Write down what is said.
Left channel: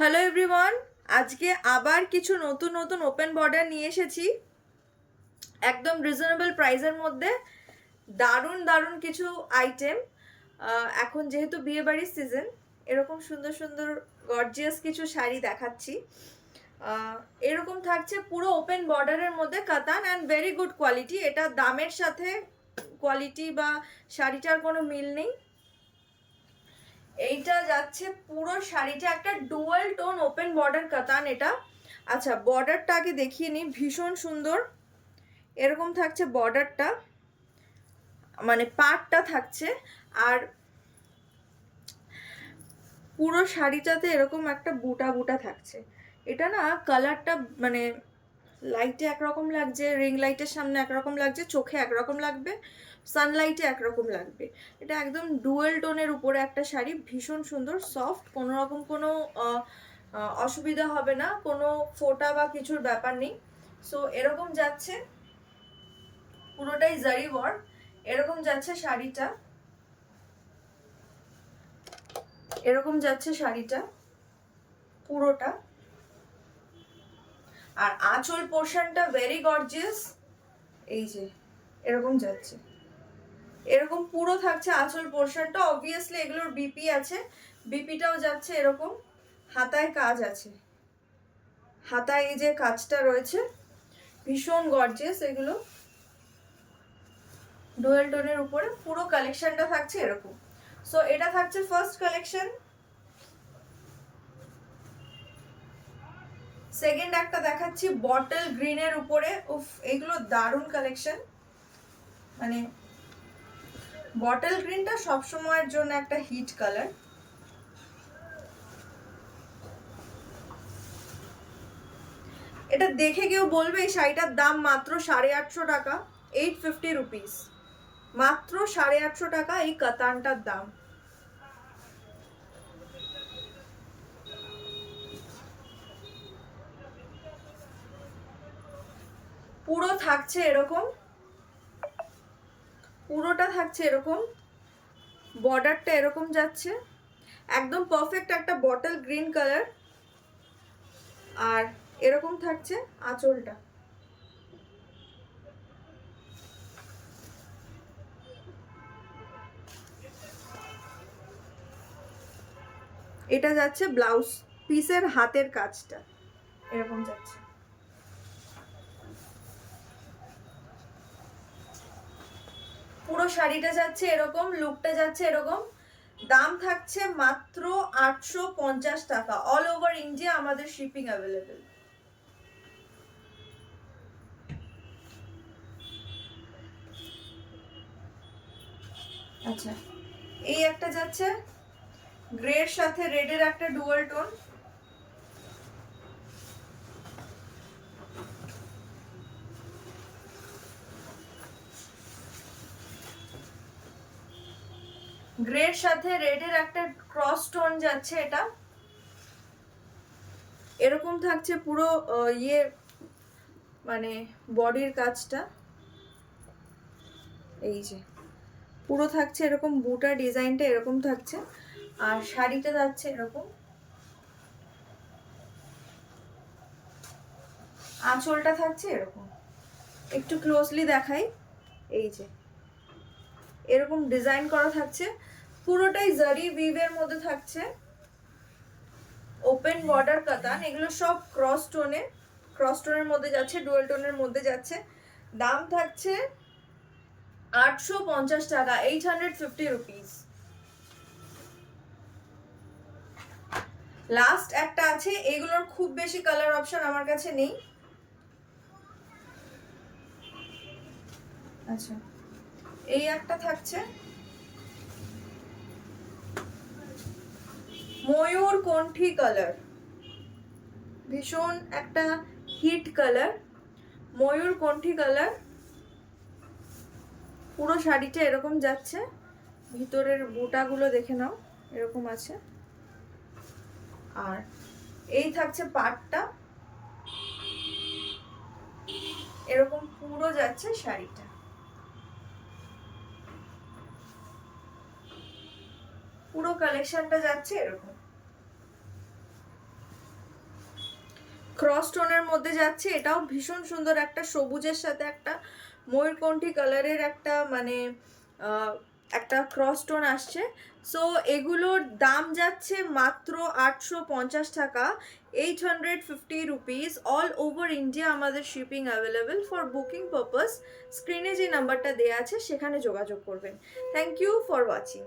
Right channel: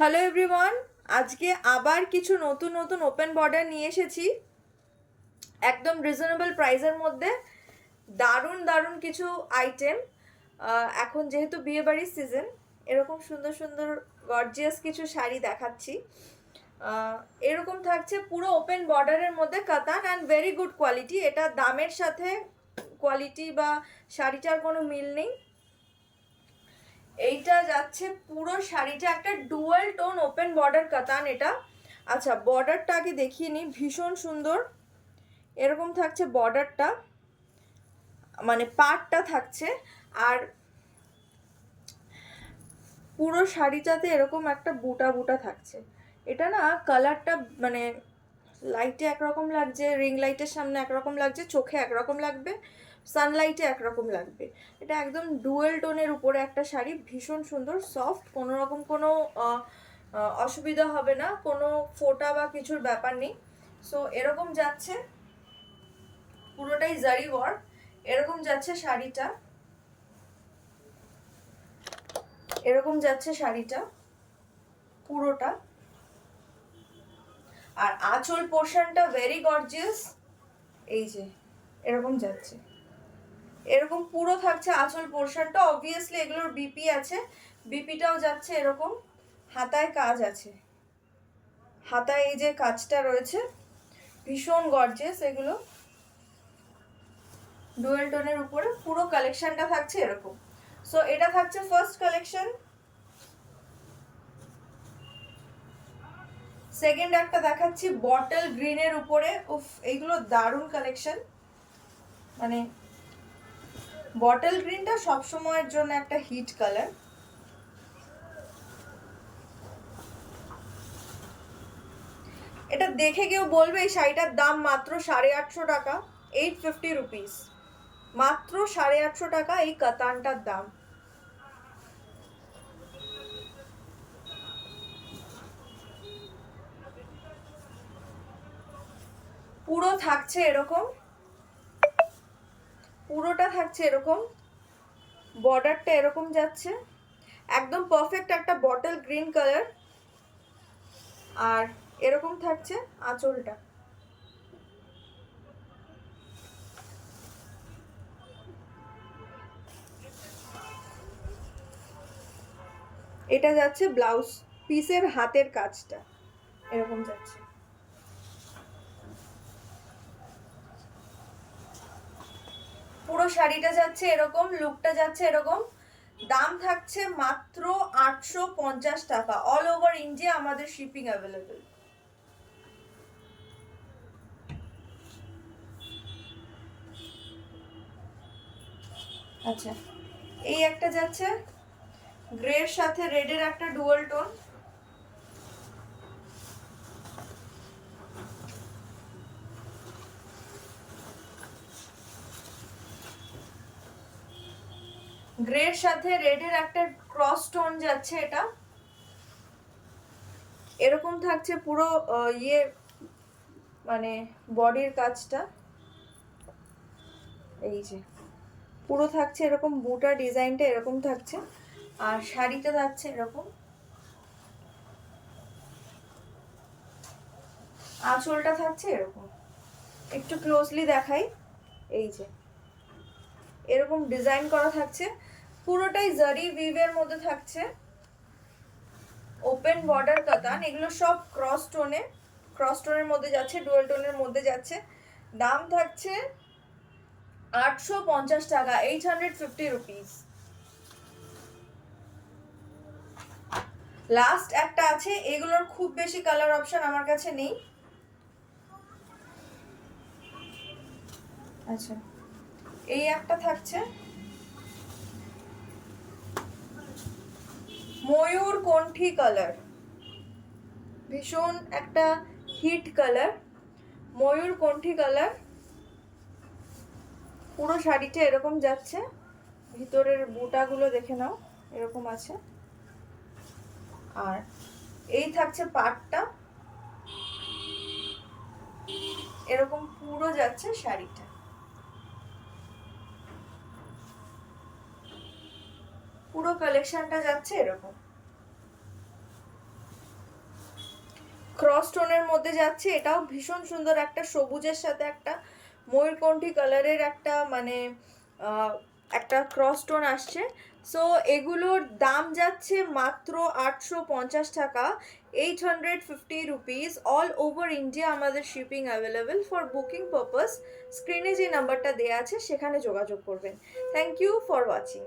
Hello everyone, আজকে আবার কিছু নতুন নতুন ওপেন বর্ডার নিয়ে এসেছি একদম রিজনেবল প্রাইসের মধ্যে। দারুণ দারুণ কিছু আইটেম। এখন যেহেতু বিয়ে বাড়ির সিজন, এরকম সুন্দর সুন্দর গর্জিয়াস কিছু শাড়ি দেখাচ্ছি। এরকম থাকছে পুরো ওপেন বর্ডারের মধ্যে কাতান অ্যান্ড ভেরি গুড কোয়ালিটি। এটা দামের সাথে কোয়ালিটি বা শাড়িটার কোনো মিল নেই। এইটা যাচ্ছে পুরো শাড়িটা একটা ডুয়াল টোন ওপেন বর্ডার কাতান এটা। আচ্ছা, বর্ডারটা আগে দেখিয়ে নিই, ভীষণ সুন্দর। এরকম থাকছে বর্ডারটা, মানে পাড়টা থাকছে। আর পুরো শাড়িটাতে এরকম একটা বুটা বুটা থাকছে। এটা না কালারটা মানে লাইটে একরকম লাগছে, রিং লাইটের সামনে একরকম লাগছে, চোখে একরকম লাগবে, সানলাইটে একরকম লাগবে। এটা একদম ডুয়েল টোনের উপরে একটা শাড়ি, ভীষণ সুন্দর, সফট, কোনো রকম কোনো অসুবিধা হবে না, কোনো ফোটা বা কিছুর ব্যাপার নেই। সো এরকম যাচ্ছে, পুরোটাই জারি ওয়ার্ক। এরকম যাচ্ছে শাড়িটা, এরকম যাচ্ছে শাড়িটা পুরোটা। আর আঁচল পোর্শনটা ভেরি গর্জিয়াস, এই যে এরকম যাচ্ছে, এরকম পুরো থাকছে আঁচল পোর্শনটা। অবভিয়াসলি এগুলোর বিপি আছে, বিপিটাও যাচ্ছে এরকম। হাতায় কাজ আছে, হাতায় এই যে কাজটা রয়েছে, ভীষণ গর্জিয়াস এগুলো। ডুয়েল টোনের উপরে পুরো কালেকশনটা থাকছে এরকম। সো এটা থাকছে ফার্স্ট কালেকশন। সেকেন্ড একটা দেখাচ্ছি বটল গ্রিনের উপরে। উফ, এইগুলো দারুণ কালেকশন। মানে বটল গ্রিনটা সবসময়ের জন্য একটা হিট কালার। এটা দেখে কেউ বলবে এই শাড়িটার দাম মাত্র 850 টাকা, 850 রুপিস, মাত্র 850 টাকা এই কাতানটার দাম। পুরো থাকছে এরকম, পুরোটা থাকছে এরকম, বর্ডারটা এরকম যাচ্ছে, একদম পারফেক্ট একটা বটল গ্রিন কালার। আর এরকম থাকছে আঁচলটা। এটা যাচ্ছে ব্লাউজ পিসের হাতের কাজটা, এরকম যাচ্ছে। পুরো শাড়িটা যাচ্ছে এরকম, লুকটা যাচ্ছে এরকম। দাম থাকছে মাত্র 850 টাকা। অল ওভার ইন্ডিয়া আমাদের শিপিং অ্যাভেলেবেল। আচ্ছা, এই একটা যাচ্ছে গ্রের সাথে রেডের একটা ডুয়াল টোন। গ্রের সাথে রেডের একটা ক্রস টোন যাচ্ছে এটা। এরকম থাকছে পুরো ইয়ে মানে বডির কাজটা, এই যে পুরো থাকছে এরকম, বুটা ডিজাইনটা এরকম থাকছে। আর শাড়িটা যাচ্ছে এরকম, আঁচলটা থাকছে এরকম। একটু ক্লোজলি দেখাই, এই যে এরকম ডিজাইন করা থাকছে, পুরোটাই জারি উইভের মধ্যে থাকছে। ওপেন বর্ডার কাতান, এগুলো সব ক্রস টোনে, ক্রস টোনের মধ্যে যাচ্ছে, ডুয়াল টোনের মধ্যে যাচ্ছে। দাম থাকছে 850 টাকা, 850 রুপিস। লাস্ট একটা আছে, এগুলোর খুব বেশি কালার অপশন আমার কাছে নেই। আচ্ছা, এই একটা থাকছে ময়ূর কণ্ঠী কালার, ভীষণ একটা হিট কালার, ময়ূর কণ্ঠী কালার। পুরো শাড়িটা এরকম যাচ্ছে, ভিতরের বুটাগুলো দেখে নাও, এরকম আছে। আর এই থাকছে পাটটা, এরকম পুরো যাচ্ছে শাড়িটা। পুরো কালেকশনটা যাচ্ছে এরকম। ক্রস টোনের মধ্যে যাচ্ছে, এটাও ভীষণ সুন্দর, একটা সবুজের সাথে একটা ময়ূরকণ্ঠী কালারের একটা মানে একটা ক্রস টোন আসছে। সো এগুলোর দাম যাচ্ছে মাত্র 850 টাকা, 850 রুপিস। অল ওভার ইন্ডিয়া আমাদের shipping available. For booking purpose স্ক্রিনে যে নাম্বারটা দেওয়া আছে সেখানে যোগাযোগ করবেন। Thank you for watching.